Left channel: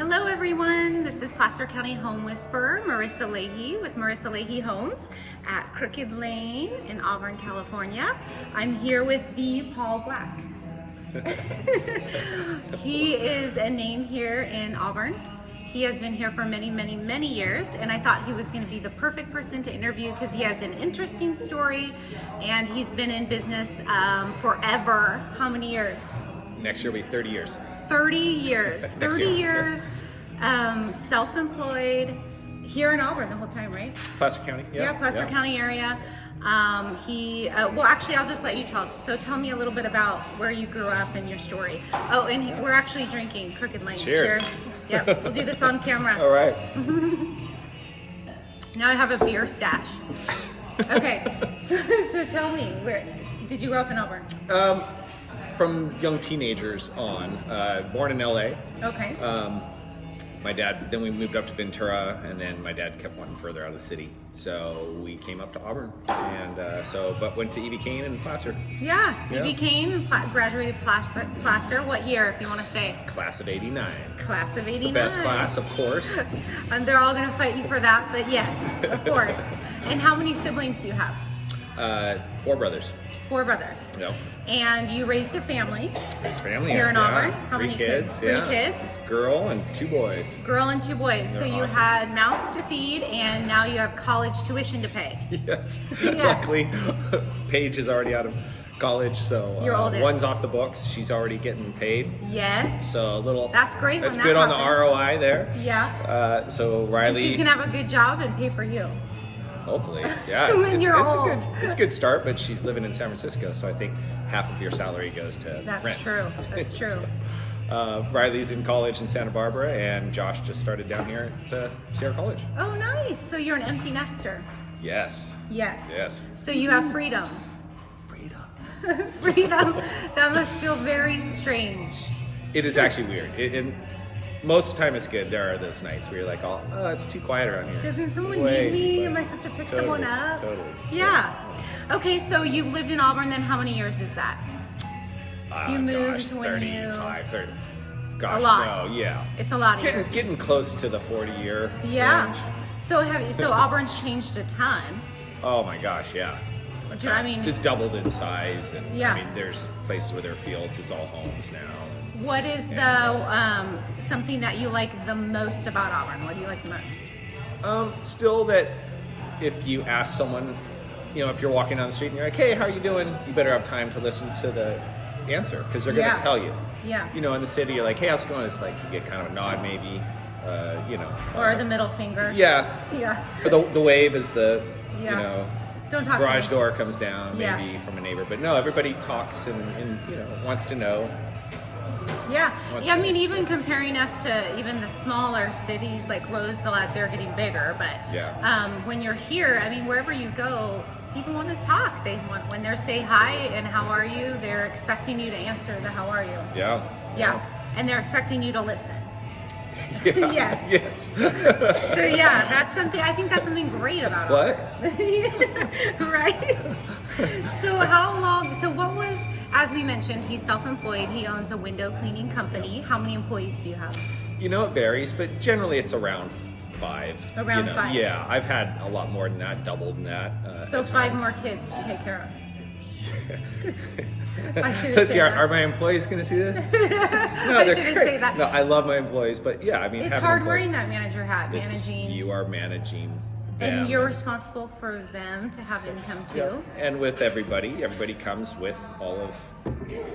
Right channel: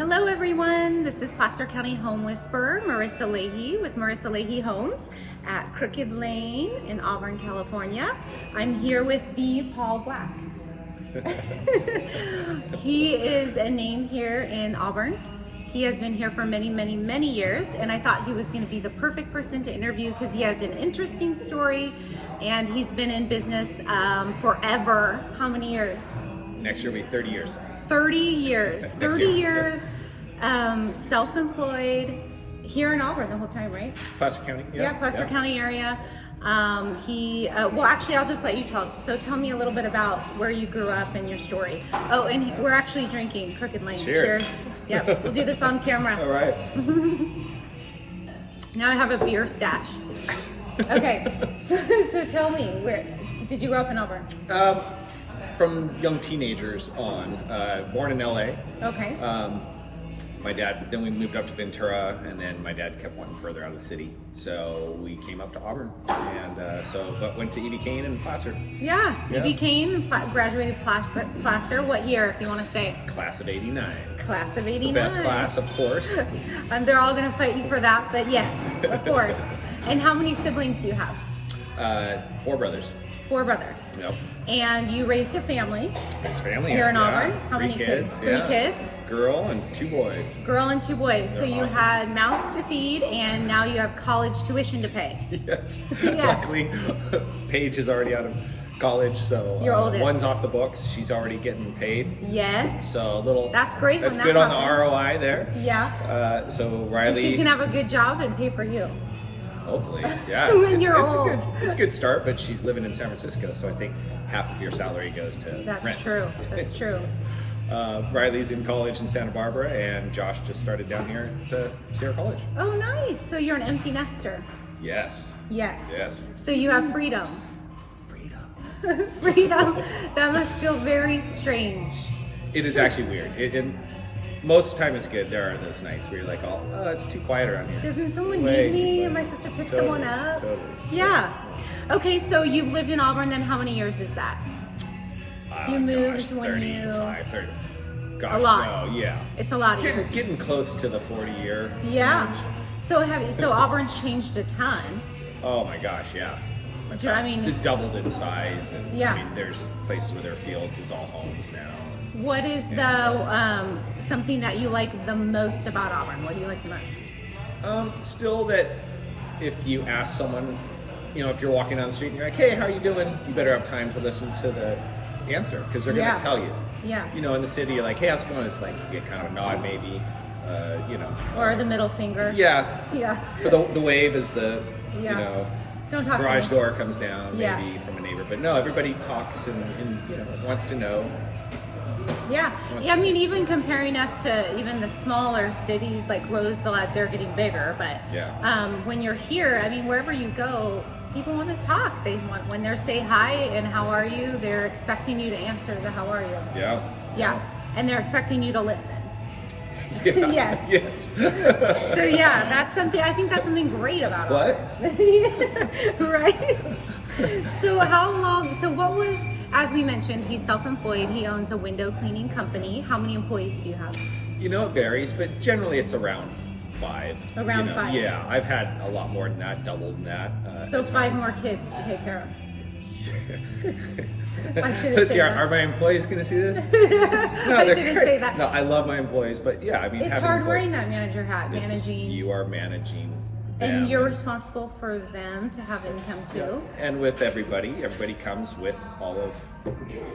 Hello everyone, this is Placer County Home Whisperer, Marissa Leahy with Marissa Leahy Homes at Crooked Lane in Auburn, California. I'm here with the Paul Black. He is a name here in Auburn. He has been here for many years, and I thought he was going to be the perfect person to interview because he has an interesting story and he's been in business forever. How many years? Next year will be 30 years. 30 years. 30 years, self-employed, here in Auburn the whole time, right? Placer County? Yeah, Placer County area. Well, actually, I'll just let you tell us. So tell me a little bit about where you grew up and your story. Oh, and we're actually drinking Crooked Lane. Cheers. Yep, we'll do this on camera. All right. Now I have a beer stash. Okay, so tell me, where did you grow up in Auburn? From young teenagers on, born in LA. Okay. My dad, then we moved up to Ventura, and then my dad kept wanting further out of the city. So we came up to Auburn, and but went to E.B. Kane and Placer. Yeah, E.B. Kane, graduated Placer. What year, if you want to say? Class of 89. Class of 89. It's the best class, of course. And they're all going to fight you for that, but yes, of course. And how many siblings do you have? 4 brothers. 4 brothers. Yep. And you raised a family. Raised family. Here in yeah. Auburn. How 3 many kids? 3 kids. Girl and 2 boys. Girl and 2 boys. So They're you awesome. had mouths to feed, and now you have college tuition to pay. Yes. Yes. Luckily, Paige is already out of college, so Your oldest. one's off the books. She's already getting paid. Yes. So a little. That's great That's when good that on the happens. ROI there. Yeah. So Riley. And she's gonna have a good job and pay for you. Hopefully, yeah. When you're old. It's a good start, but she's living in San Francisco, so I think half of your salary goes to That's rent. true. That's true. Riley's in college in Santa Barbara, and Josh just started down here at Sierra College. Oh, nice. So you're an empty nester. Yes. Yes. Yes. So you have freedom. Freedom. Freedom. That must feel very strange. It is actually weird. Most of the time it's good. There are those nights where you're like, oh, it's too quiet around here. Doesn't someone Way need me? too Am I quiet. supposed to pick Totally, someone up? Totally. Yeah. Okay, so you've lived in Auburn then how many years is that? You moved when 35, 30. Gosh, A lot. no, yeah. It's a lot of years. Getting close to the 40-year. Yeah. range. So Auburn's changed a ton. Oh my gosh, yeah. I mean- it's doubled in size, and Yeah. I mean, there's places where there are fields. It's all homes now. What is the something that you like the most about Auburn? What do you like the most? Still, that if you ask someone, if you're walking down the street and you're like, "Hey, how you doing?" You better have time to listen to the answer because they're Yeah. gonna tell you. Yeah. In the city, you're like, "Hey, how's it going?" It's like you get kind of a nod, maybe. Or the middle finger. Yeah. Yeah. The wave is the Yeah. Don't talk garage to me. door comes down Yeah. maybe from a neighbor, but no, everybody talks and wants to know. Yeah. What's Yeah, I that? mean, even comparing us to even the smaller cities like Roseville as they're getting bigger, but Yeah. when you're here, I mean, wherever you go, people want to talk. They want, when they say hi and how are you, they're expecting you to answer the how are you. Yeah. Yeah. And they're expecting you to listen. Yeah. Yes. Yes. So yeah, that's something, I think that's something great about What? Right? So what was, as we mentioned, he's self-employed, he owns a window cleaning company. How many employees do you have? It varies, but generally it's around 5. Around 5. Yeah, I've had a lot more than that, doubled than that. So at 5 times. more kids to take care of. I shouldn't Let's say see, that. are my employees going to see this? No, I they're shouldn't great. say that. No, I love my employees, but yeah, I mean, It's having hard employees- wearing that manager hat, it's- managing. You are managing them. And you're responsible for them to have income too. And with everybody comes with all of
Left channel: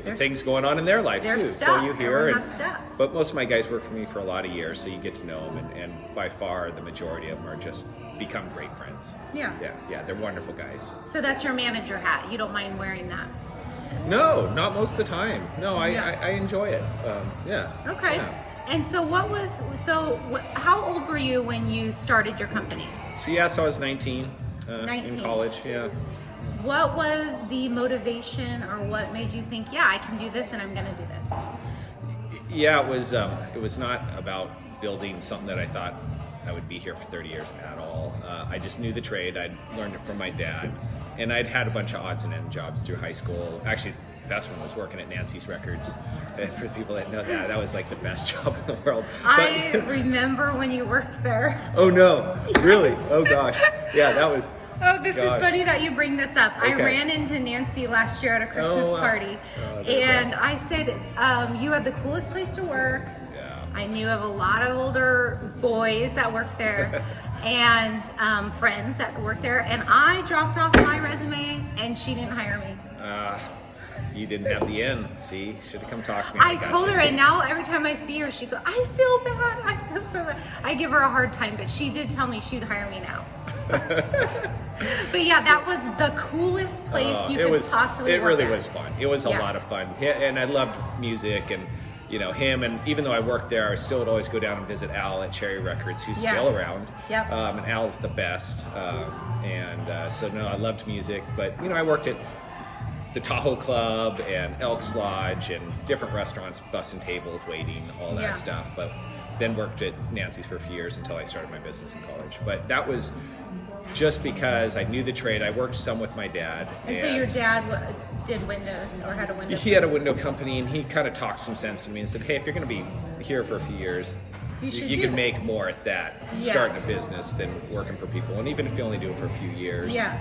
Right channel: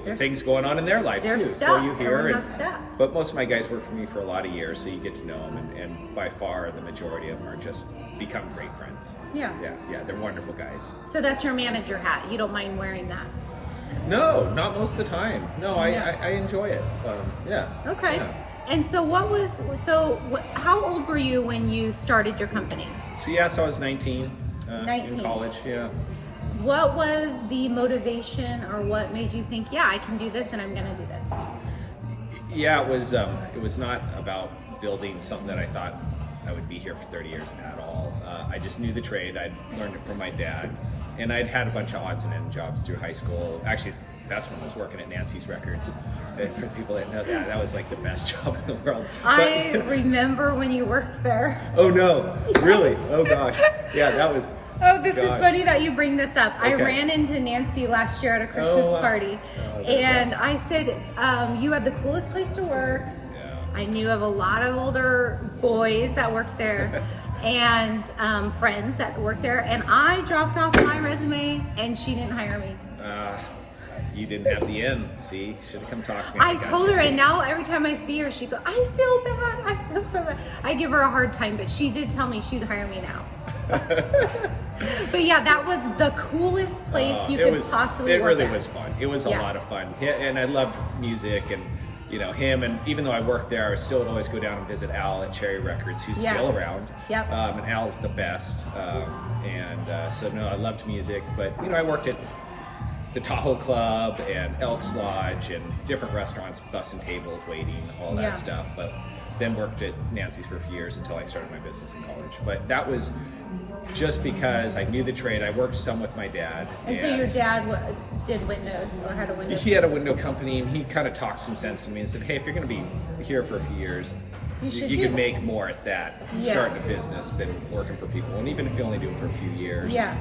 There's things going on in their life their too. stuff. So you hear, Everyone and- has stuff. But most of my guys work for me for a lot of years, so you get to know them, and by far the majority of them are just become great friends. Yeah. Yeah, they're wonderful guys. So that's your manager hat. You don't mind wearing that. No, not most of the time. No, Yeah. I enjoy it. Yeah. Okay. Yeah. And so how old were you when you started your company? So I was 19. 19. In college. Yeah. What was the motivation or what made you think, yeah, I can do this and I'm going to do this? Yeah, it was not about building something that I thought I would be here for 30 years at all. I just knew the trade. I'd learned it from my dad, and I'd had a bunch of odds and ends jobs through high school. Actually, that's when I was working at Nancy's Records. For people that know that, that was like the best job in the world. I remember when you worked there. Oh no, really? Oh gosh. Yeah, that was. Oh, this is God. funny that you bring this up. I Okay. ran into Nancy last year at a Christmas Oh, wow. party, Oh, they're the and best. I said, you had the coolest place to work. Yeah. I knew of a lot of older boys that worked there and friends that worked there, and I dropped off my resume and she didn't hire me. You didn't have the end. See, should have come talk to me. I told her, and now every time I see her, she goes, I feel bad. I feel so bad. I give her a hard time, but she did tell me she'd hire me now. But yeah, that was the coolest place you could possibly It work really at. was fun. It was a Yeah. lot of fun. And I loved music and, you know, him. And even though I worked there, I still would always go down and visit Al at Cherry Records, who's Yeah. still around. Yep. And Al's the best. So, no, I loved music. But, you know, I worked at the Tahoe Club and Elks Lodge and different restaurants, bussing tables, waiting, all that Yeah. stuff. But then worked at Nancy's for a few years until I started my business in college. But that was just because I knew the trade. I worked some with my dad. And so your dad did windows or had a window. He had a window company, and he kind of talked some sense to me and said, hey, if you're going to be here for a few years, You should you do can that." make more at that, Yeah. starting a business than working for people. And even if you only do it for a few years. Yeah.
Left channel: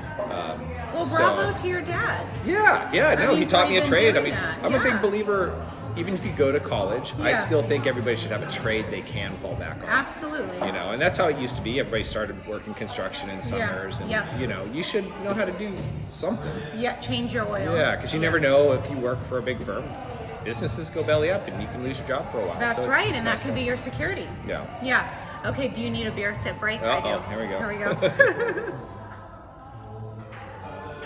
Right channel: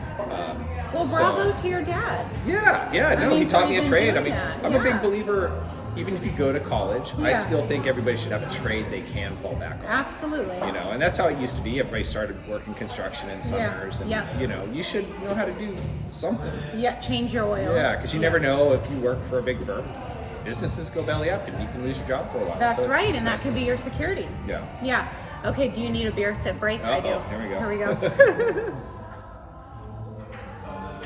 Well, so- bravo to your dad. Yeah, no, mean, he taught for me a even trade. I doing mean, that, I'm a yeah. big believer, even if you go to college, I Yeah. still think everybody should have a trade they can fall back on. Absolutely. You know, and that's how it used to be. Everybody started working construction in summers, and yeah. you know, you should know how to do something. Yeah, change your oil. Yeah, because you never know if you work for a big firm. Businesses go belly up, and you can lose your job for a while. That's So it's- right, it's and that nice could to be know. your security. Yeah. Yeah. Okay, do you need a beer sip break? I do. Uh-oh, here we go. Here we go.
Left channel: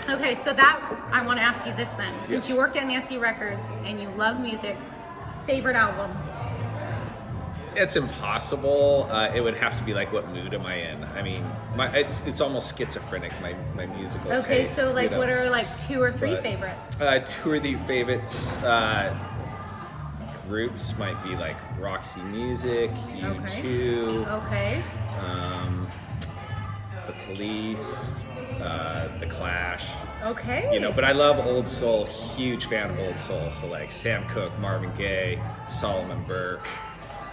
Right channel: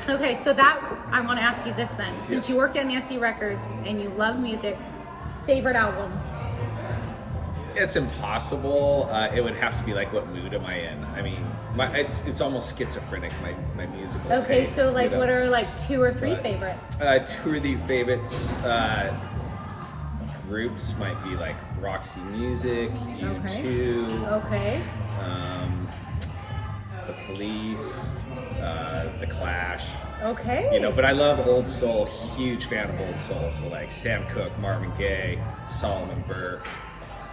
Okay, so that, I want to ask you this then. Since Yes. you worked at Nancy Records and you love music, favorite album? It's impossible. It would have to be like, what mood am I in? I mean, it's almost schizophrenic. My musical. Okay, taste, so like you know? what are like 2 or 3 But, favorites? Two of the favorites groups might be like Roxy Music, Okay. U2, Okay. The Police, The Clash. Okay. You know, but I love old soul. Huge fan of old soul. So like Sam Cooke, Marvin Gaye, Solomon Burke.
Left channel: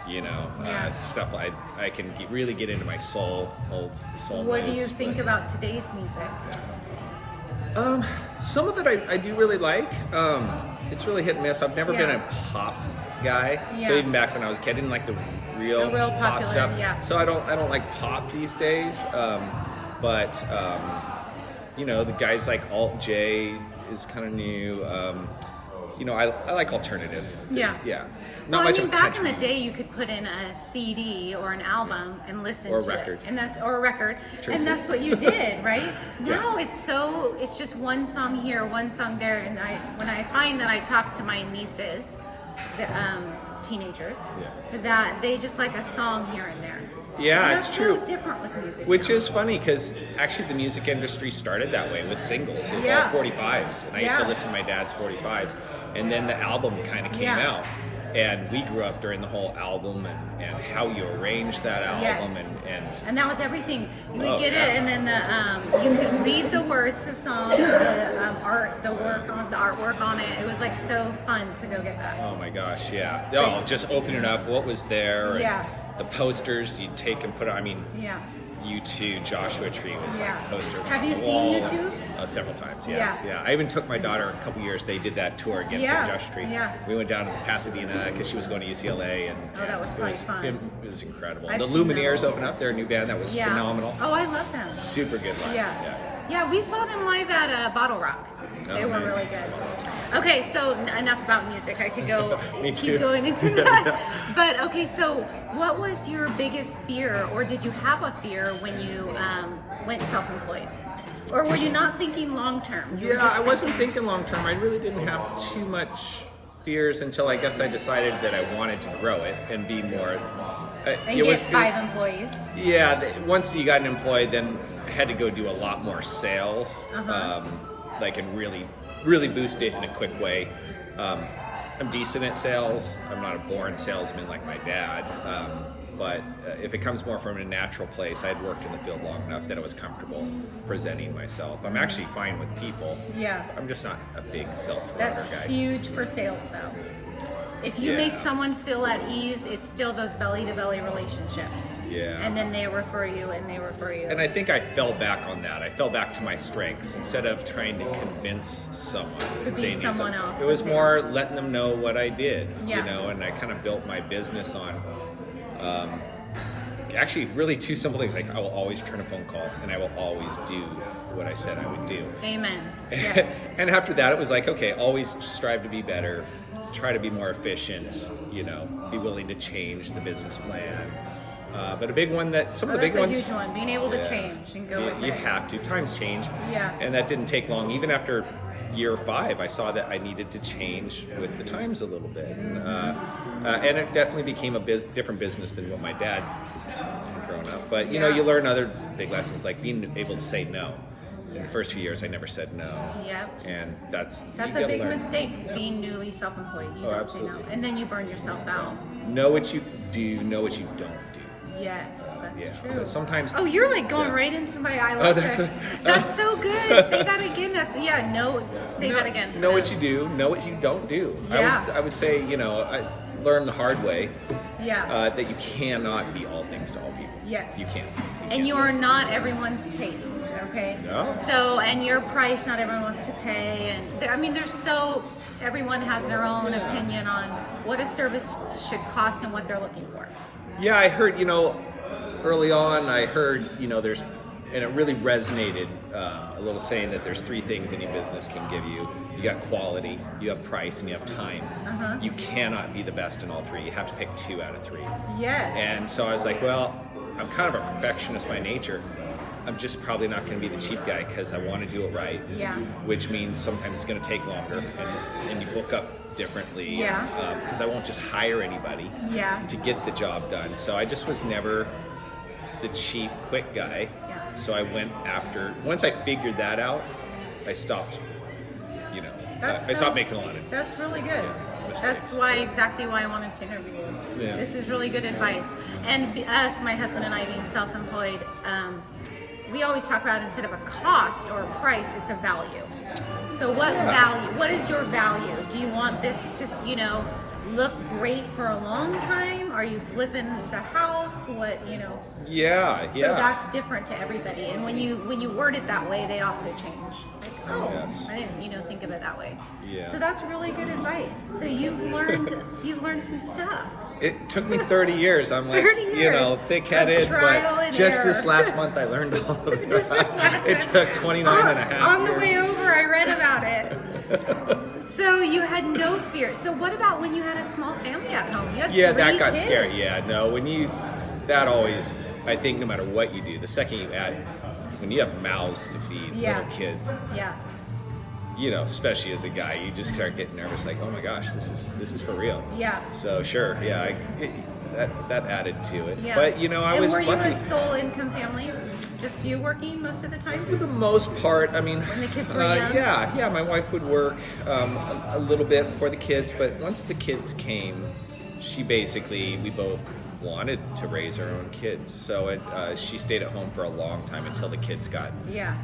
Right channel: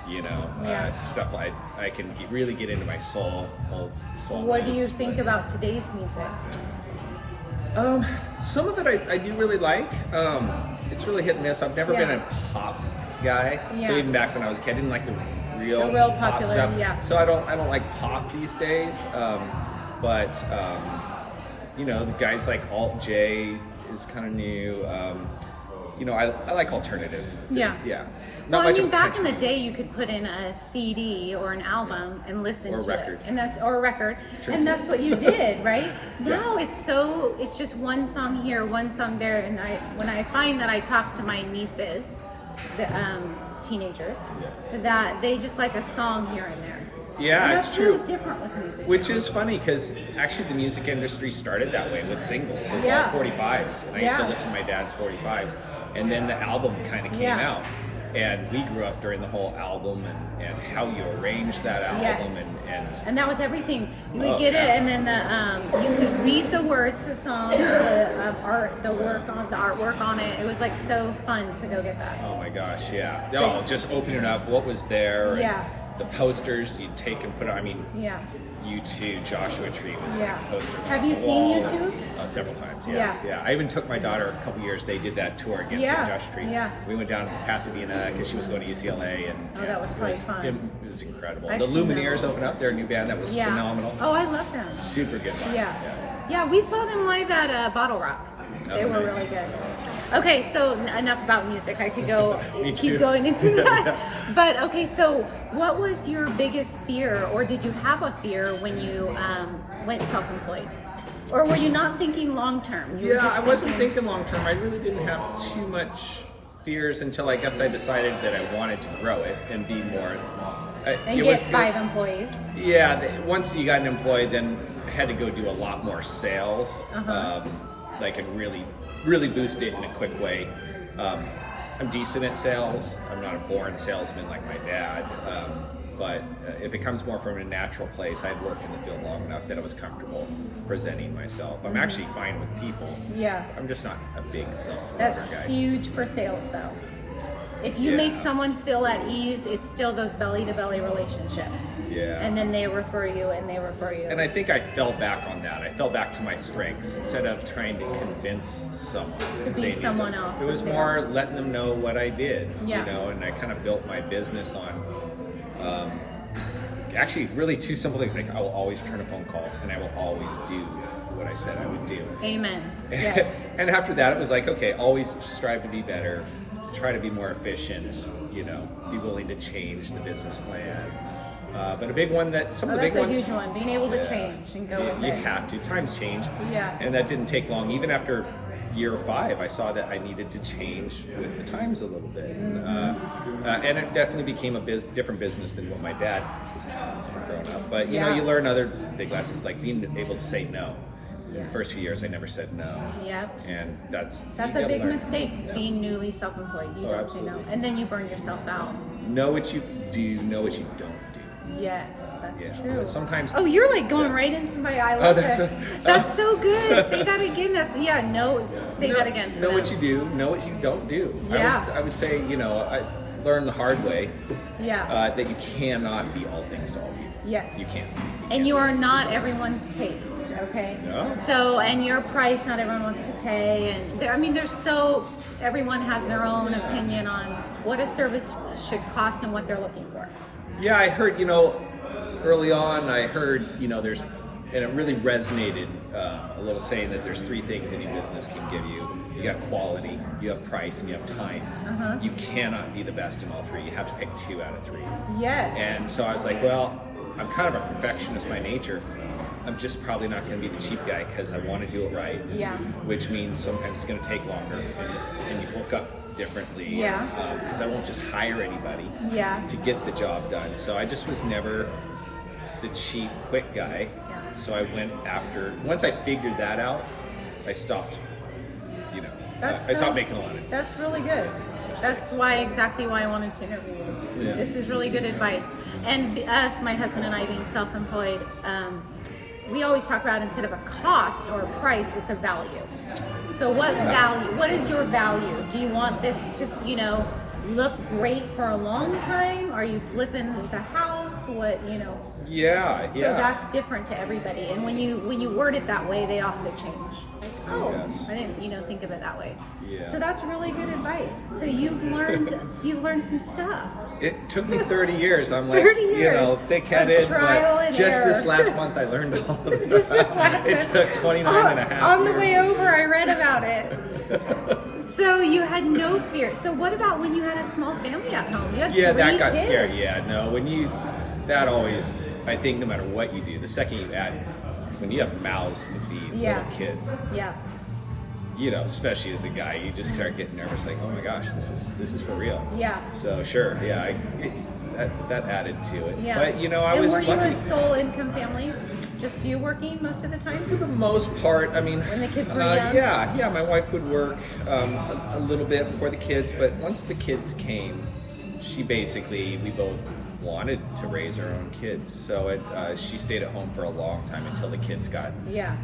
You know, Yeah. stuff I can really get into my soul, old soul. What do you movies, think but- about today's music? Some of it I do really like. It's really hit and miss. I've never Yeah. been a pop guy. Yeah. So even back when I was a kid, I didn't like the real pop popular, stuff. yeah. So I don't like pop these days. But you know, the guys like Alt J is kind of new. You know, I like alternative. Yeah. Yeah. Well, I much mean, of back in the country. day, you could put in a CD or an album and listen Or a to record. it, or a record, True, and too. that's what you did, right? Yeah. Now it's just one song here, one song there, and when I find that I talk to my nieces, the teenagers, that they just like a song here and there. Yeah, and it's that's true. so different with music. Which now. is funny because actually the music industry started that way with singles. It was Yeah. all 45s, and I used to Yeah. listen to my dad's 45s, and then the album kind of came Yeah. out. And we grew up during the whole album and how you arrange that album Yes. and that was everything. You would Oh, get yeah. it, and then you could read the words to songs, the artwork on it. It was like so fun to go get that. oh my gosh, yeah. Oh, just opening up what was there. and Yeah. The posters you'd take and put on. I mean, Yeah. U2, Joshua Tree was like Yeah. a poster. Have on you the seen wall. U2? Several times, Yeah. yeah. I even took my daughter a couple years. They did that tour again Yeah, for Joshua Tree. yeah. We went down to Pasadena because she was going to UCLA, and Oh, that was probably fun. It was incredible. I've the seen them. Lumineers opened up. They're a new band that was Yeah. phenomenal. Oh, I love them. Super good live. Yeah. Yeah, we saw them live at Bottle Rock. They Oh, were nice. really good. Okay, so enough about music. I could go Me too. keep going into that. But okay, so what was your biggest fear, or did you have a fear when you went self-employed? Or were you not thinking long term? Yeah, I wasn't thinking long term. I really didn't have too much fears until I guess I decided that I wanted to grow it and be more. And get 5 employees. Yeah, once you got an employee, then I had to go do a lot more sales, like and really boost it in a quick way. I'm decent at sales. I'm not a born salesman like my dad, but if it comes more from a natural place, I'd worked in the field long enough that I was comfortable presenting myself. I'm actually fine with people. Yeah. I'm just not a big self-promoter That's guy. huge for sales, though. If you Yeah. make someone feel at ease, it's still those belly-to-belly relationships. Yeah. And then they refer you, and they refer you. And I think I fell back on that. I fell back to my strengths instead of trying to convince someone To be they need someone something. else It was in more sales. letting them know what I did, Yeah. you know, and I kind of built my business on actually really two simple things. Like I will always return a phone call and I will always do what I said I would do. Amen. Yes. And after that, it was like, okay, always strive to be better, try to be more efficient, you know, be willing to change the business plan. But a big one that some of the That's big a ones. huge one. Being able to Yeah. change and go with You it. have to. Times change. Yeah. And that didn't take long. Even after year 5, I saw that I needed to change with the times a little bit. And it definitely became a different business than what my dad had grown up. But, you know, Yeah. you learn other big lessons, like being able to say no. In the Yes. first few years, I never said no. Yep. And that's That's you a gotta big learn. mistake, being newly self-employed. You Oh, don't say no. absolutely. And then you burn yourself out. Know what you do, know what you don't do. Yes, that's Yeah. true. But sometimes. Oh, you're like going Yeah. right into my. I love that's- this. That's so good. Say that again. That's no. Say that again. for Know what them. you do, know what you don't do. Yeah. I would say, you know, I learned the hard way Yeah. that you cannot be all things to all people. Yes. You can't. And you are not everyone's taste, okay? No. So, and your price, not everyone wants to pay. And there, I mean, everyone has their own opinion on what a service should cost and what they're looking for. Yeah, I heard, you know, early on, I heard, you know, and it really resonated, a little saying that there's 3 things any business can give you. You got quality, you have price, and you have time. You cannot be the best in all 3. You have to pick 2 out of 3. Yes. And so I was like, well, I'm kind of a perfectionist by nature. I'm just probably not going to be the cheap guy because I want to do it right. Yeah. Which means sometimes it's going to take longer and you book up differently. Yeah. Because I won't just hire anybody Yeah. to get the job done. So I just was never the cheap, quick guy. Yeah. So I went after, once I figured that out, I stopped, you know, That's I so- stopped making a lot of That's really good. That's exactly why I wanted to interview you. Yeah. This is really good advice. And us, my husband and I, being self-employed, we always talk about, instead of a cost or a price, it's a value. So what value? What is your value? Do you want this to, you know, look great for a long time? Are you flipping the house? What, you know? Yeah. So that's different to everybody. And when you word it that way, they also change. Like, oh, Yes. I didn't, think of it that way. Yeah. So that's really good advice. So you've learned some stuff. It took me 30 years. I'm like, 30 you know, years thick-headed, of trial but and just this error. last month I learned all of it. Just this last It took 29 and a half On the years. way over, I read about it. So you had no fear. So what about when you had a small family at home? You had Yeah, 3 that got kids. scary. Yeah, no, that always, I think no matter what you do, the second you add, when you have mouths to feed, Yeah. little kids, Yeah. you know, especially as a guy, you just start getting nervous, like, oh my gosh, this is for real. Yeah. So sure, yeah, that added to it. Yeah. But you know, I was were you lucky. a sole income family? Just you working most of the time? For the most part, I mean, When the kids were young? Yeah, my wife would work a little bit before the kids, but once the kids came, we both wanted to raise our own kids, so she stayed at home for a long time until the kids got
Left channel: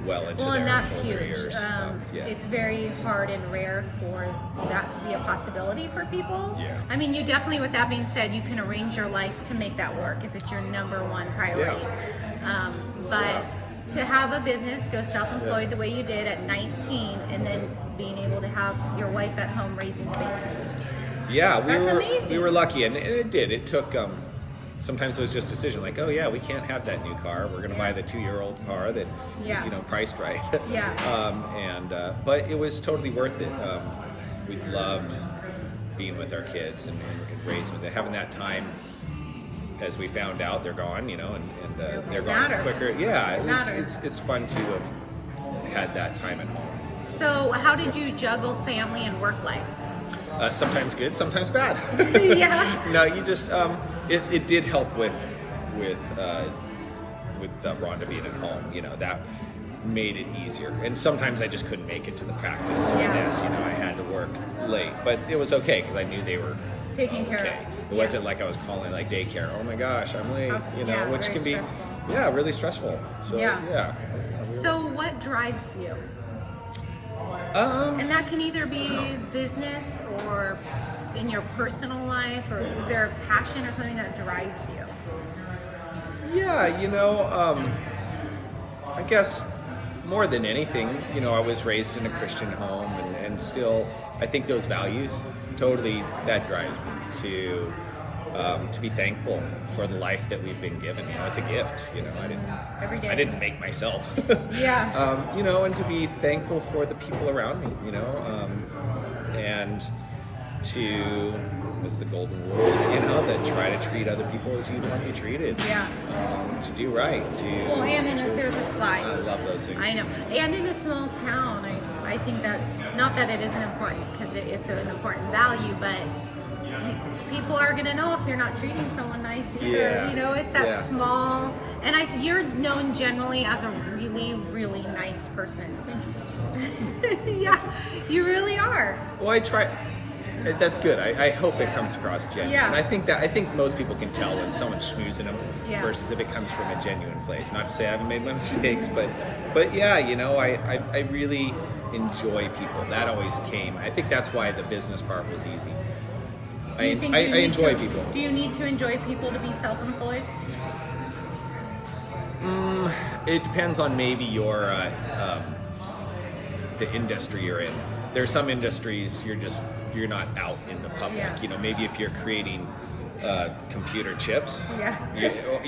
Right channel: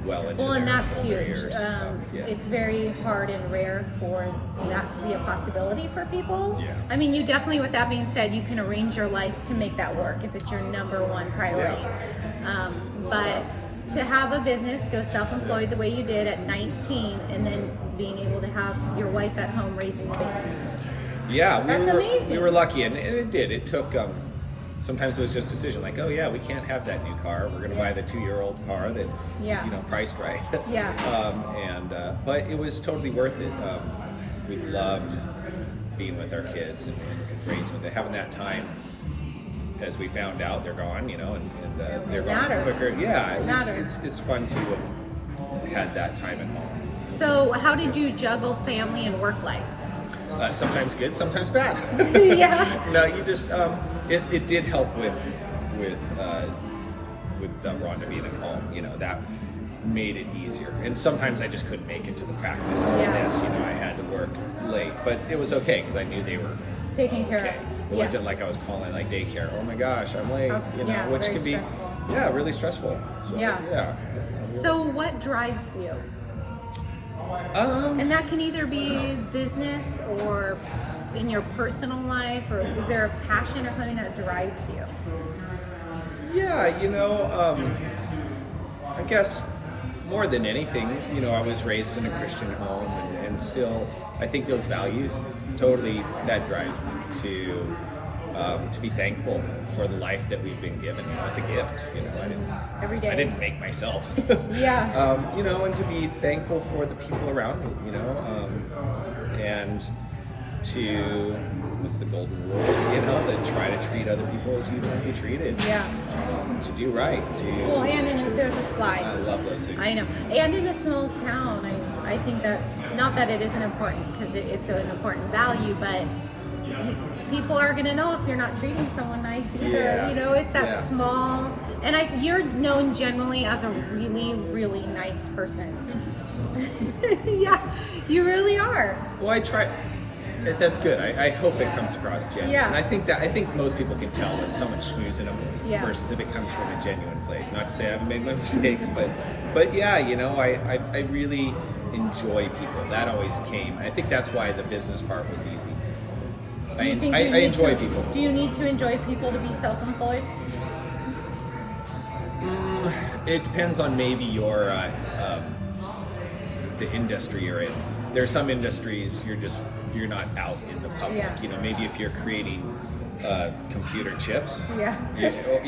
well into and their that's older huge. years. Yeah. It's very hard and rare for that to be a possibility for people. Yeah. I mean, you definitely, with that being said, you can arrange your life to make that work if it's your number one priority. But to have a business, go self-employed the way you did at 19, and then being able to have your wife at home raising the babies. Yeah, That's amazing. We were lucky, and it did. It took. Sometimes it was just a decision, like, oh yeah, we can't have that new car. We're going to buy the 2-year-old car that's priced right. Yeah. But it was totally worth it. We loved being with our kids and raising them. Having that time, as we found out, they're gone. You know, and they're gone quicker. Yeah, it's fun to have had that time at home. So how did you juggle family and work life? Sometimes good, sometimes bad. Yeah. No, you just it did help with Rhonda being at home. You know, that made it easier. And sometimes I just couldn't make it to the practice. So yes, you know, I had to work late, but it was okay because I knew they were taking care of. It wasn't like I was calling like daycare. Oh my gosh, I'm late. Which very can be stressful. really stressful. So, yeah. So what drives you? And that can either be business or in your personal life, or is there a passion or something that drives you? Yeah, I guess more than anything, I was raised in a Christian home, and still, I think those values totally that drives me to be thankful for the life that we've been given. It's a gift, Every day. I didn't make myself. Yeah. And to be thankful for the people around me, and to, as the golden rules, that try to treat other people as you want to be treated. Yeah. To do right. Well, and there's a fly. I love those things. I know. And in a small town, I think that's, not that it isn't important, because it's an important value, but people are going to know if you're not treating someone nice either. Yeah. It's that Yeah. small, and you're known generally as a really, really nice person. Yeah, you really are. Well, I try. That's good. I hope it comes across genuine. Yeah. And I think most people can tell when someone's schmoozing them versus if it comes from a genuine place. Not to say I haven't made my mistakes, but yeah, I really enjoy people. That always came. I think that's why the business part was easy. Do you think I you need enjoy to, people. Do you need to enjoy people to be self-employed? It depends on maybe your the industry you're in. There are some industries you're not out in the public. Yeah. Maybe if you're creating computer chips, Yeah. or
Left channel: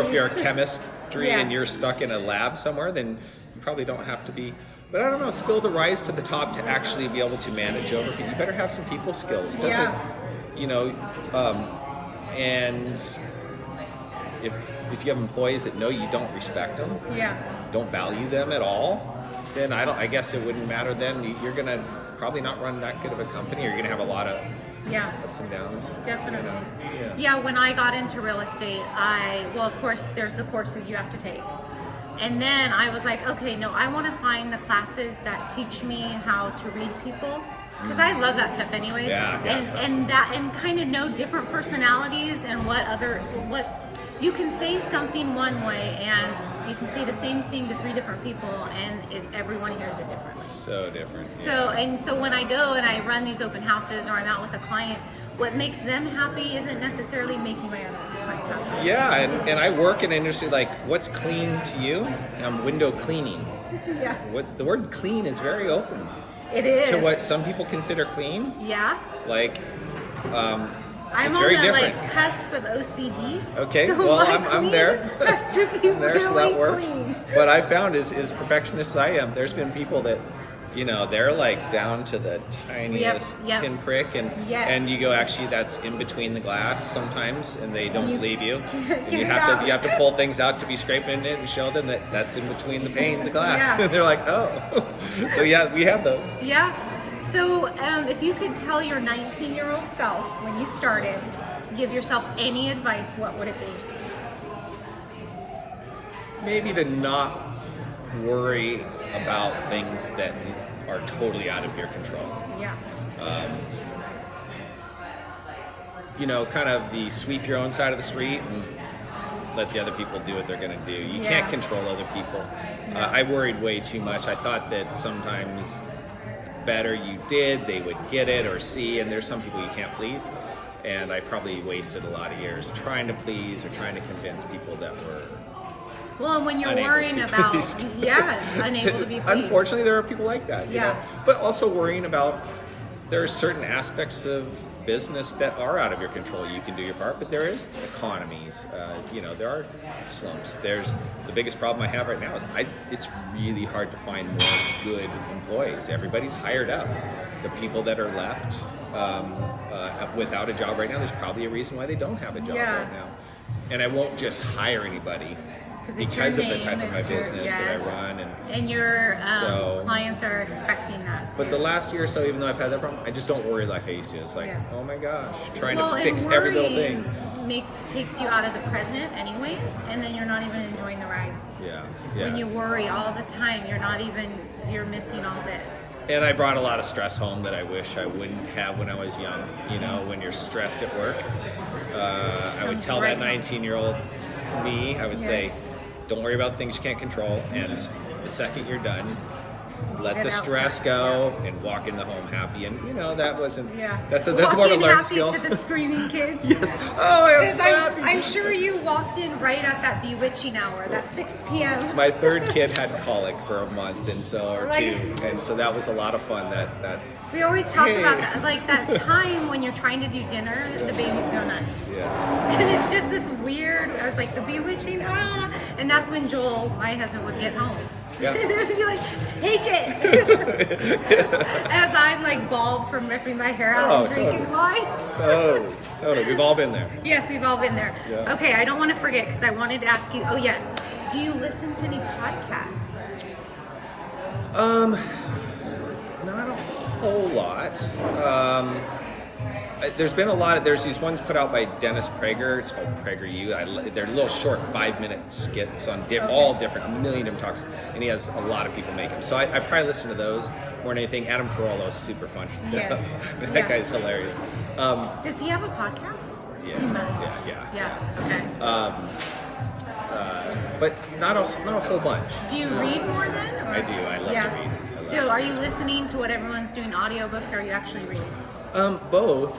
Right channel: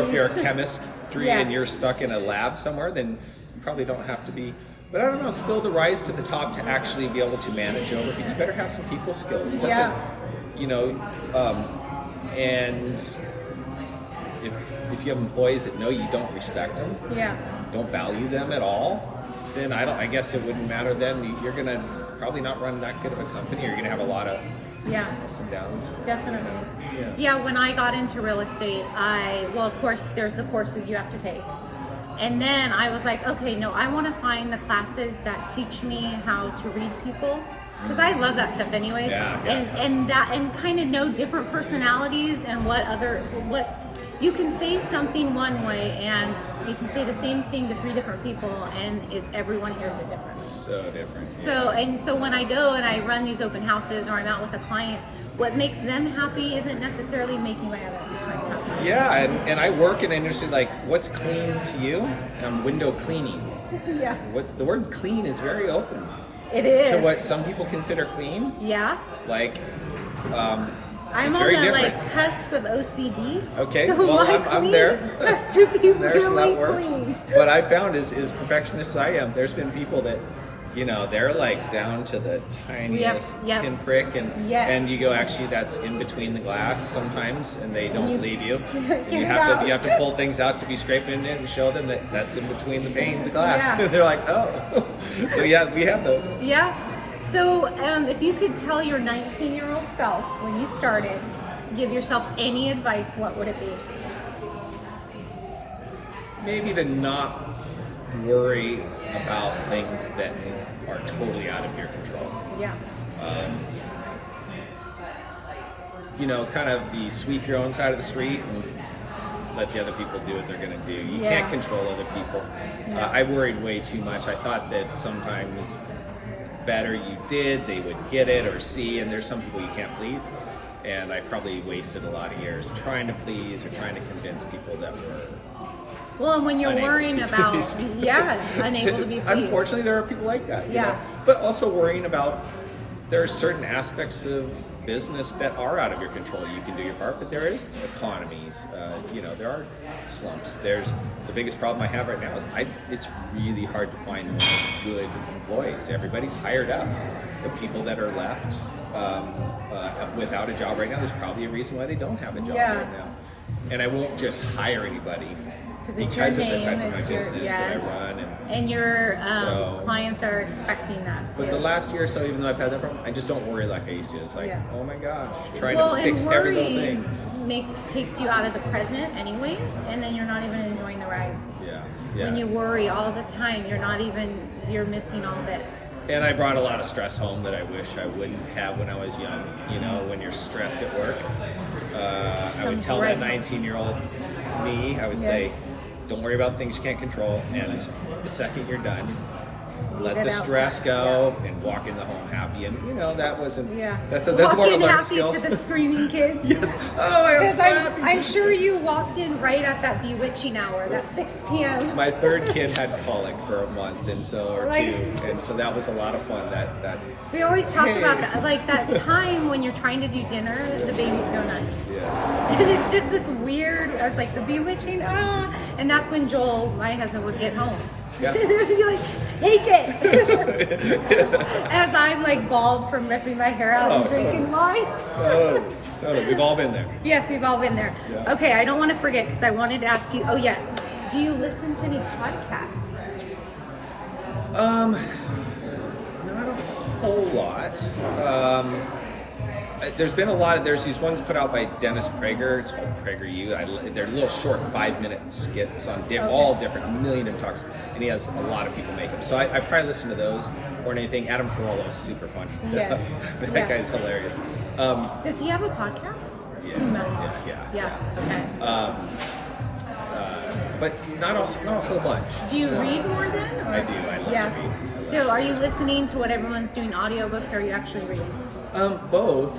if you're a chemistry Yeah. and you're stuck in a lab somewhere, then you probably don't have to be. But I don't know, still to rise to the top to actually be able to manage over people, you better have some people skills. It doesn't, and if you have employees that know you don't respect them, don't value them at all, then I guess it wouldn't matter then. You're gonna probably not run that good of a company, or you're gonna have a lot of ups and downs. Definitely. Yeah. When I got into real estate, of course, there's the courses you have to take. And then I was like, okay, no, I want to find the classes that teach me how to read people, because I love that stuff anyways. And kind of know different personalities and what you can say something one way, and you can say the same thing to 3 different people, and everyone hears it differently. So different. So when I go and I run these open houses, or I'm out with a client, what makes them happy isn't necessarily making my other client happy. Yeah, and I work in an industry like, what's clean to you? Window cleaning. Yeah. What the word clean is very open. It is. To what some people consider clean. Yeah. Like, I'm it's on very the different. cusp of OCD. Okay, so well, my I'm clean there. has to be There's really that word. clean. What I found is perfectionist I am. There's been people that, they're like down to the tiniest pinprick, and you go, actually, that's in between the glass sometimes, and they don't believe you. And you have to pull things out to be scraping it and show them that that's in between the panes of glass. Yeah. They're like, oh. So yeah, we have those. Yeah. So if you could tell your 19-year-old self when you started, give yourself any advice, what would it be? Maybe to not worry about things that are totally out of your control. Yeah. Kind of the sweep your own side of the street and let the other people do what they're going to do. You can't control other people. No. I worried way too much. I thought that sometimes the better you did, they would get it or see, and there's some people you can't please. And I probably wasted a lot of years trying to please or trying to convince people that were Well, and when you're unable worrying to be about, pleased. unable to be pleased. Unfortunately, there are people like that. Yeah. But also worrying about, there are certain aspects of business that are out of your control. You can do your part, but there is economies. There are slumps. There's the biggest problem I have right now is it's really hard to find more good employees. Everybody's hired up. The people that are left without a job right now, there's probably a reason why they don't have a job right now. And I won't just hire anybody. Because it's your name, of the type of my it's your, business that I run. And your so- clients are expecting that too. But the last year or so, even though I've had that problem, I just don't worry like I used to. It's like, oh my gosh, trying to fix every little thing. Takes you out of the present anyways, and then you're not even enjoying the ride. Yeah. When you worry all the time, you're missing all this. And I brought a lot of stress home that I wish I wouldn't have when I was young. When you're stressed at work, I would tell that 19-year-old me, I would say, don't worry about things you can't control, and the second you're done, let it the stress outside, go and walk in the home happy. And that wasn't. Yeah. That's more of a Walking learned happy skill. to the screaming kids. Yes. Oh, I'm Because so happy. I'm sure you walked in right at that bewitching hour, that 6 p.m. My third kid had colic for a month, and so Like- two, and so that was a lot of fun. That We always talk Hey. about that, like that time when you're trying to do dinner, the babies go nuts. yeah. And it's just this weird, I was like, the bewitching, and that's when Joel, my husband, would get home. Yeah. He'd be like, take it! As I'm like bald from ripping my hair out Oh, and drinking totally. wine. Totally. We've all been there. Yes, we've all been there. Yeah. Okay, I don't want to forget because I wanted to ask you, oh yes, do you listen to any podcasts? Not a whole lot. There's been a lot of, there's these ones put out by Dennis Prager. It's called PragerU. They're little short 5-minute skits on all different, a million different talks, and he has a lot of people making. So I probably listen to those more than anything. Adam Carolla is super fun. Yes. That Yeah. guy's hilarious. Does he have a podcast? Yeah. He must. Yeah. Okay. But not a whole bunch. Do you read more then? Or? I do. I love to read. I love So are you listening to what everyone's doing audiobooks, or are you actually reading? Both.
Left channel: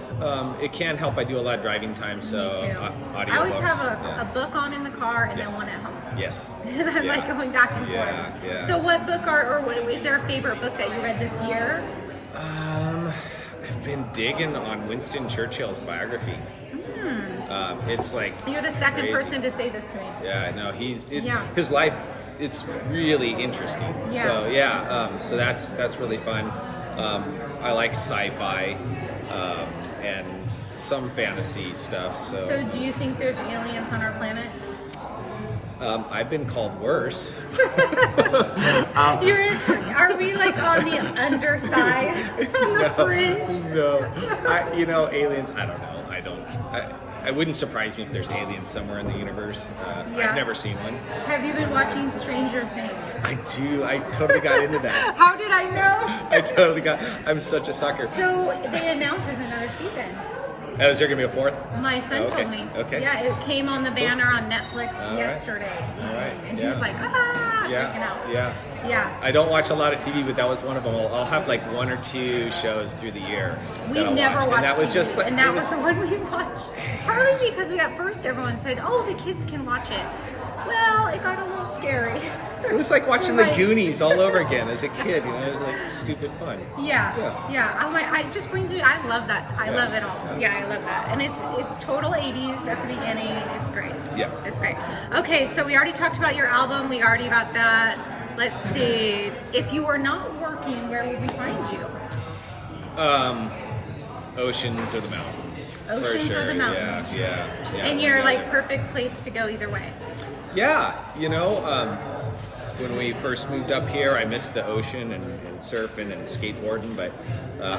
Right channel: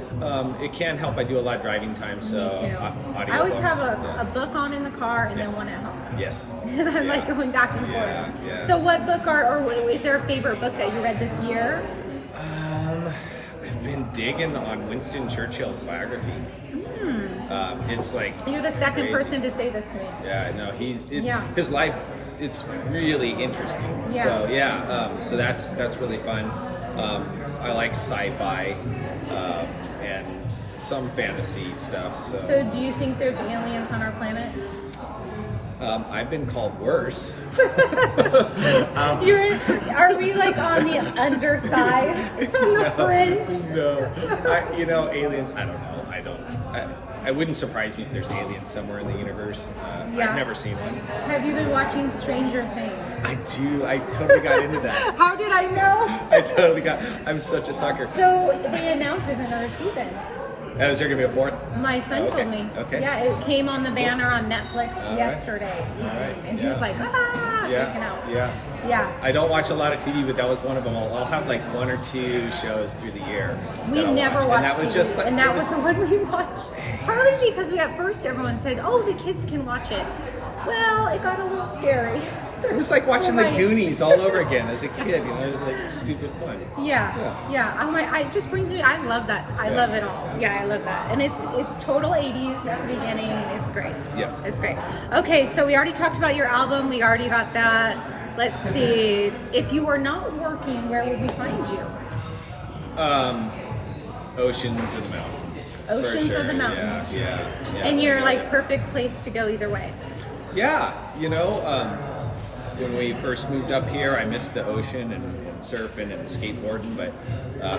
It can help. I do a lot of driving time, so Me too. audio I always books, have yeah. a book on in the car and Yes. then one at home. Yes. And I'm like Yeah. going back and forth. Yeah, yeah. So what book is there a favorite book that you read this year? I've been digging on Winston Churchill's biography. It's like You're the second crazy. person to say this to me. Yeah, no, Yeah. his life. It's really interesting. Yeah. So yeah, so that's really fun. I like sci-fi and some fantasy stuff. So do you think there's aliens on our planet? I've been called worse. Are we like on the underside, on the fringe? No, aliens. I don't know. I wouldn't surprise me if there's aliens somewhere in the universe. Yeah. I've never seen one. Have you been watching Stranger Things? I do. I totally got into that. How did I know? I'm such a sucker. So they announced there's another season. Is there gonna be a fourth? My son Okay, told me. okay. Yeah, it came on the banner on Netflix All right. yesterday evening, All right, and he yeah. was like, freaking out. Yeah. Yeah. I don't watch a lot of TV, but that was one of them. I'll have like 1 or 2 shows through the year. We that I'll never watch. watched And that was TV, just like, and it that was the one we watched. Partly because at first everyone said, "Oh, the kids can watch it." Well, it got a little scary. It was like watching Right. the Goonies all over again as a kid. It was like stupid fun. Yeah. I'm like, it just brings me. I love that. I love it all. Yeah, I love that. And it's total 80s at the beginning. It's great. Yeah. It's great. Okay, so we already talked about your album. We already got that. Let's see. If you were not working, where would we find you? Oceans or the mountains. For Oceans or sure. the mountains. Yeah. And you're like perfect place to go either way. Yeah, when we first moved up here, I missed the ocean and surfing and skateboarding, but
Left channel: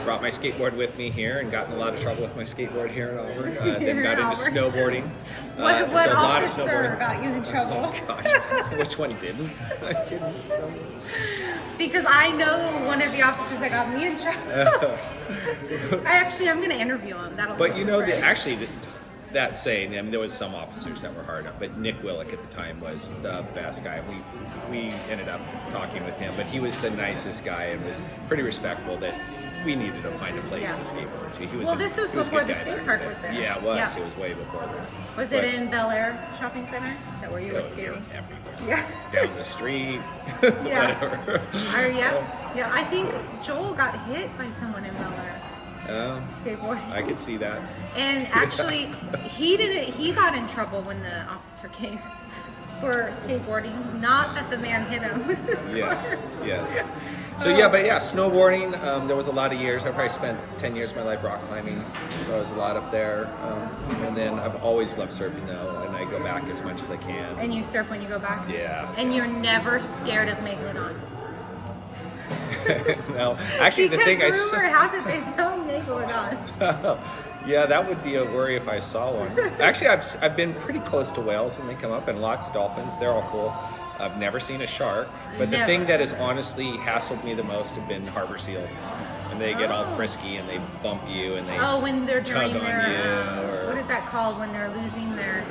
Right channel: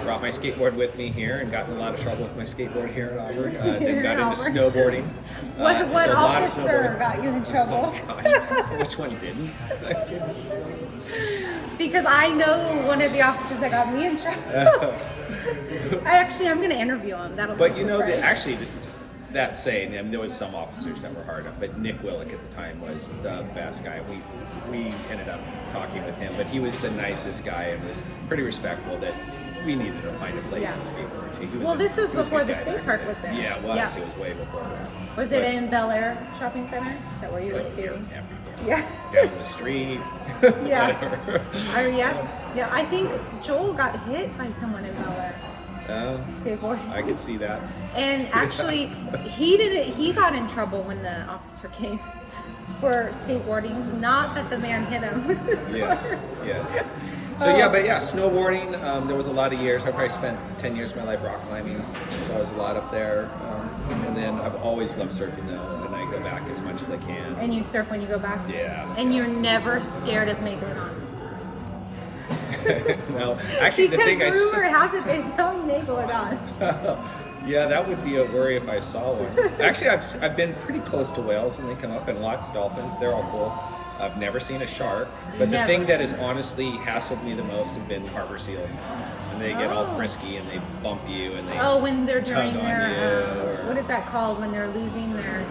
brought my skateboard with me here and got in a lot of trouble with my skateboard here in Auburn. Here Then in got into Auburn. snowboarding. What So a lot of officer snowboarding. got you in trouble? Which one didn't? Because I know one of the officers that got me in trouble. I'm going to interview him. That'll But be you know, surprise. that saying, there was some officers that were hard up, but Nick Willick at the time was the best guy. We ended up talking with him, but he was the nicest guy and was pretty respectful that we needed to find a place Yeah. to skateboard. This was he a before good the guy skate back park then. was there. Yeah, it was. Yeah. It was way before that. Was it in Bel Air Shopping Center? Is that where you were skating? Everywhere. Yeah. Down the street. Yeah. Whatever. Yeah. I think Joel got hit by someone in Bel Air Oh, skateboarding. I could see that. And actually, he got in trouble when the officer came for skateboarding. Not that the man hit him with his car. Yes. So snowboarding. There was a lot of years. I probably spent 10 years of my life rock climbing. So I was a lot up there. And then I've always loved surfing though, and I go back as much as I can. And you surf when you go back? Yeah. And you're never scared of Megalodon? No, actually, Because the thing rumor has it they found Megalodon. yeah, that would be a worry if I saw one. Actually, I've been pretty close to whales when they come up, and lots of dolphins. They're all cool. I've never seen a shark, but Never. the thing that has honestly hassled me the most have been harbor seals. And they get all frisky and they bump you and they when they're during tug on their, you, or- what is that called when they're losing their...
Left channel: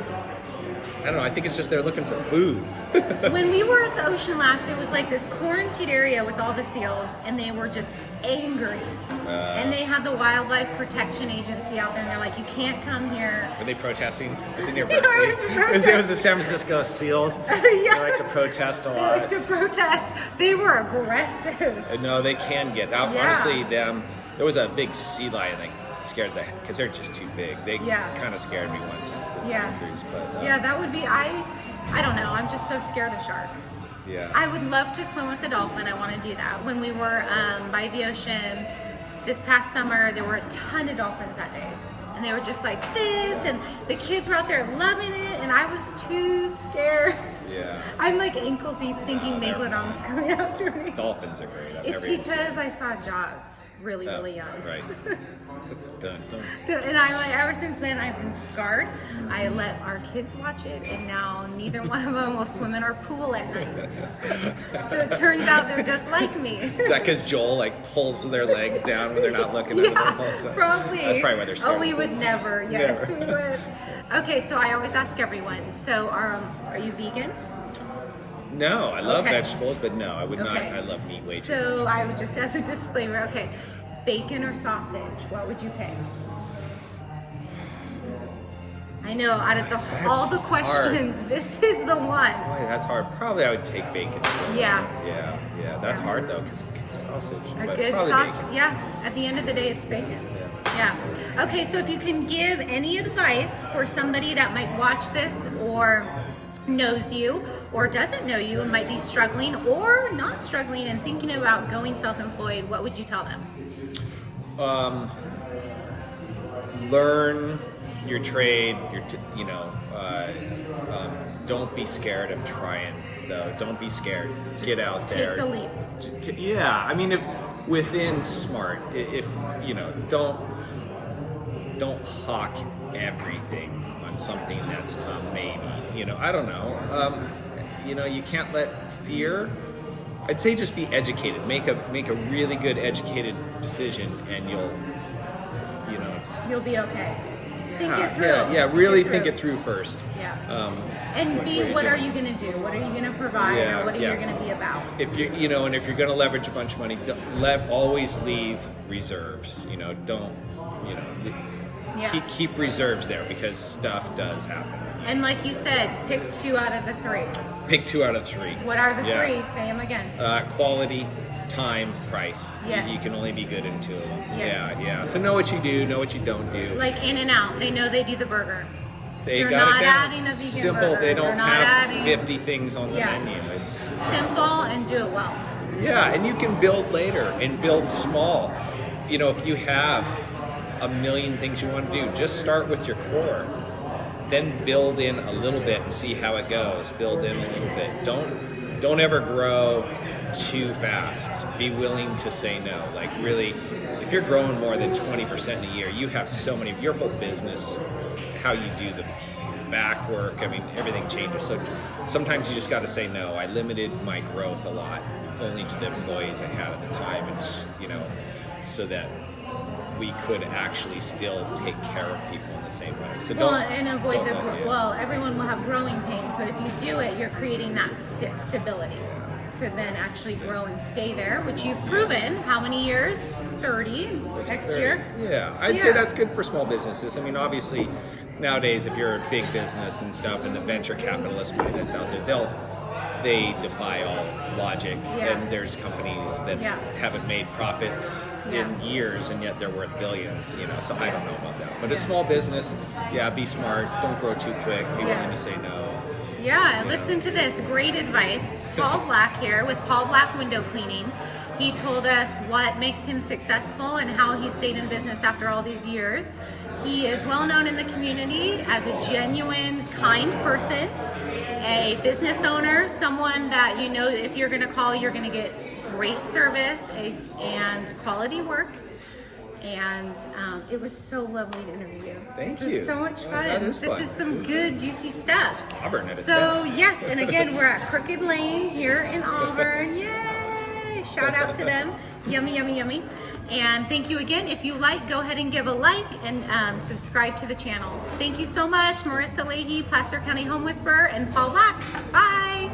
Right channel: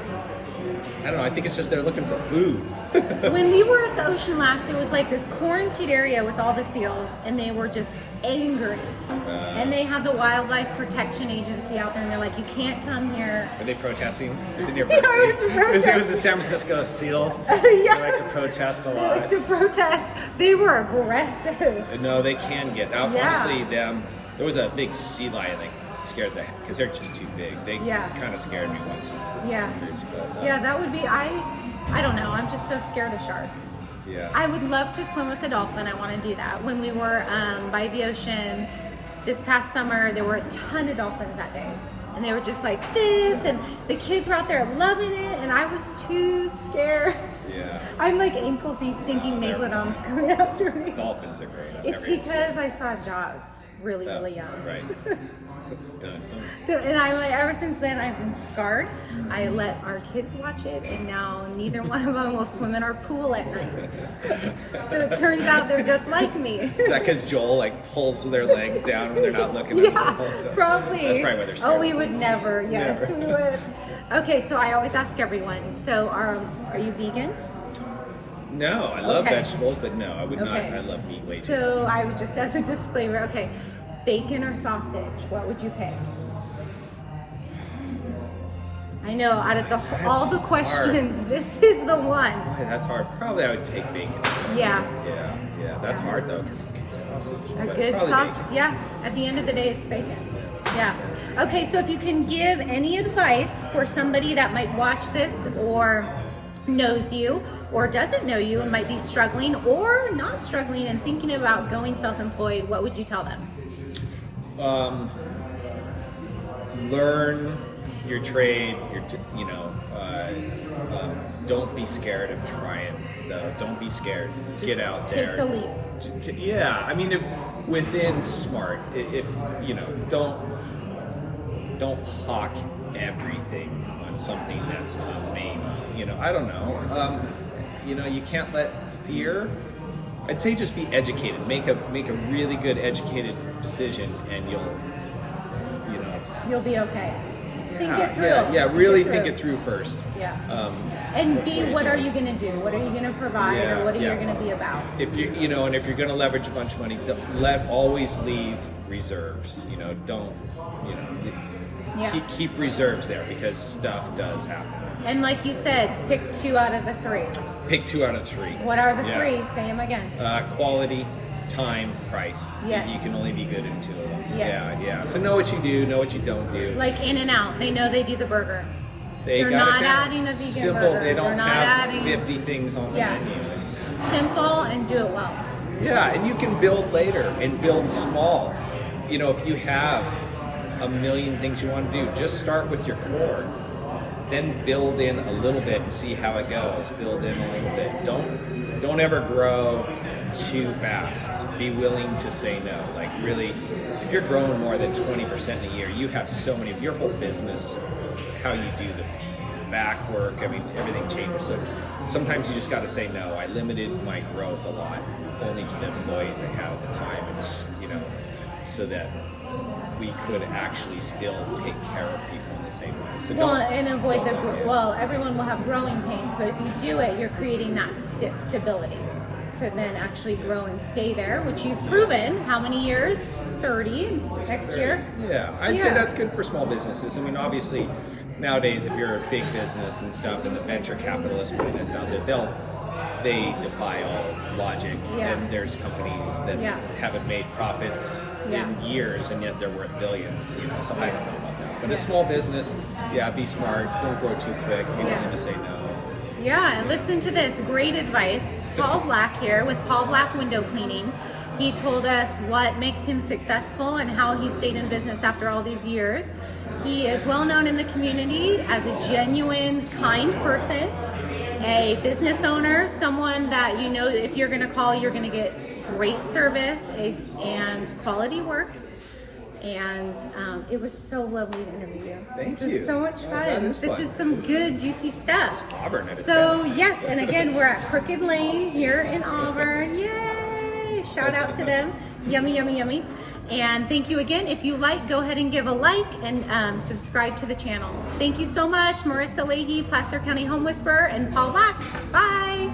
I don't know, I think it's just they're looking for food. When we were at the ocean last, it was like this quarantined area with all the seals, and they were just angry. And they had the Wildlife Protection Agency out there, and they're like, you can't come here. Are they protesting? Is it your Yeah, birthday? it's protesting. It was the San Francisco Seals. Yeah. They like to protest a They lot. like to protest. They were aggressive. No, they can get out. Yeah. Honestly, there was a big sea lion that scared the because they're just too big. They Yeah. kind of scared me once. with Yeah. some cruise, but, Yeah, that would be, I don't know, I'm just so scared of sharks. yeah. I would love to swim with a dolphin. I want to do that. When we were by the ocean this past summer, there were a ton of dolphins that day. And they were just like this, and the kids were out there loving it, and I was too scared. Yeah. I'm like ankle deep thinking Megalodon's coming after me. Dolphins are great. I've It's never even because seen I saw Jaws really, them. really young. Right. Dun, dun. And ever since then, I've been scarred. I let our kids watch it, and now neither one of them will swim in our pool at night. So it turns out they're just like me. Is that because Joel like pulls their legs down when they're not looking at them? Yeah, probably. That's probably why they're scared. Oh, we would never. Yes, Never. we would. Okay, so I always ask everyone. So, are you vegan? No, I love Okay. vegetables, but no, I would not. Okay. I love meat way too So I would just, as a disclaimer, okay, bacon or sausage? What would you pick? I know, out of all the hard. questions, this is the one. Boy, that's hard. Probably I would take bacon. Yeah. Yeah. That's Yeah. hard though, because sausage. A but good probably sausage. bacon. Yeah, at the end of the day, it's bacon. Yeah. Okay, so if you can give any advice for somebody that might watch this or knows you or doesn't know you and might be struggling or not struggling and thinking about going self-employed, what would you tell them? Learn your trade. Don't be scared of trying. Though, don't be scared. Get out there. Take the leap. Yeah, I mean, if within smart, if you know, don't hawk everything on something that's maybe. You know, I don't know. You can't let fear. I'd say just be educated. Make a really good educated decision, and You'll be okay. Think it through. Yeah, really think it through first. Yeah. And What are you going to do? What are you going to provide, Yeah, or what are you yeah. going to be about? If you and if you're going to leverage a bunch of money, always leave reserves. Yeah. Keep reserves there because stuff does happen. And like you said, pick 2 out of the 3. Pick 2 out of 3. What are the Yeah. 3? Say them again. Quality, time, price. Yes. You can only be good in 2 of them. Yes. Yeah. So know what you do, know what you don't do. Like In-N-Out, they know they do the burger. They're not adding a vegan Simple. burger. They don't They're not have adding- 50 things on the Yeah. menu. It's Simple and do it well. Yeah, and you can build later and build small. If you have a million things you want to do, just start with your core. Then build in a little bit and see how it goes. Build in a little bit. Don't ever grow too fast. Be willing to say no. Like really, if you're growing more than 20% in a year, you have so many, your whole business, how you do the back work, I mean, everything changes. So sometimes you just got to say no. I limited my growth a lot, only to the employees I had at the time, and so that we could actually still take care of people in the same way. So And avoid don't let it. everyone will have growing pains, but if you do it, you're creating that stability to then actually grow and stay there, which you've proven. How many years? 30 next year. Yeah, I'd Yeah. say that's good for small businesses. I mean, obviously, nowadays, if you're a big business and stuff, and the venture capitalists putting this out there, they defy all logic. Yeah. And there's companies that Yeah. haven't made profits Yeah. in years, and yet they're worth billions. So I don't know about that. But Yeah. a small business, be smart. Don't grow too quick. You Yeah. don't want to say no. Yeah, and listen to this. Great advice. Paul Black here with Paul Black Window Cleaning. He told us what makes him successful and how he stayed in business after all these years. He is well known in the community as a genuine, kind person, a business owner, someone that if you're going to call, you're going to get great service and quality work. And it was so lovely to interview you. Thank This you. is so much Oh, fun. that is This fun. is some good, juicy stuff. Auburn at its So best. yes, and again, we're at Crooked Lane here in Auburn. Yay! Shout out to them. Yummy, yummy, yummy. And thank you again. If you like, go ahead and give a like and subscribe to the channel. Thank you so much, Marissa Leahy, Placer County Home Whisperer, and Paul Black. Bye.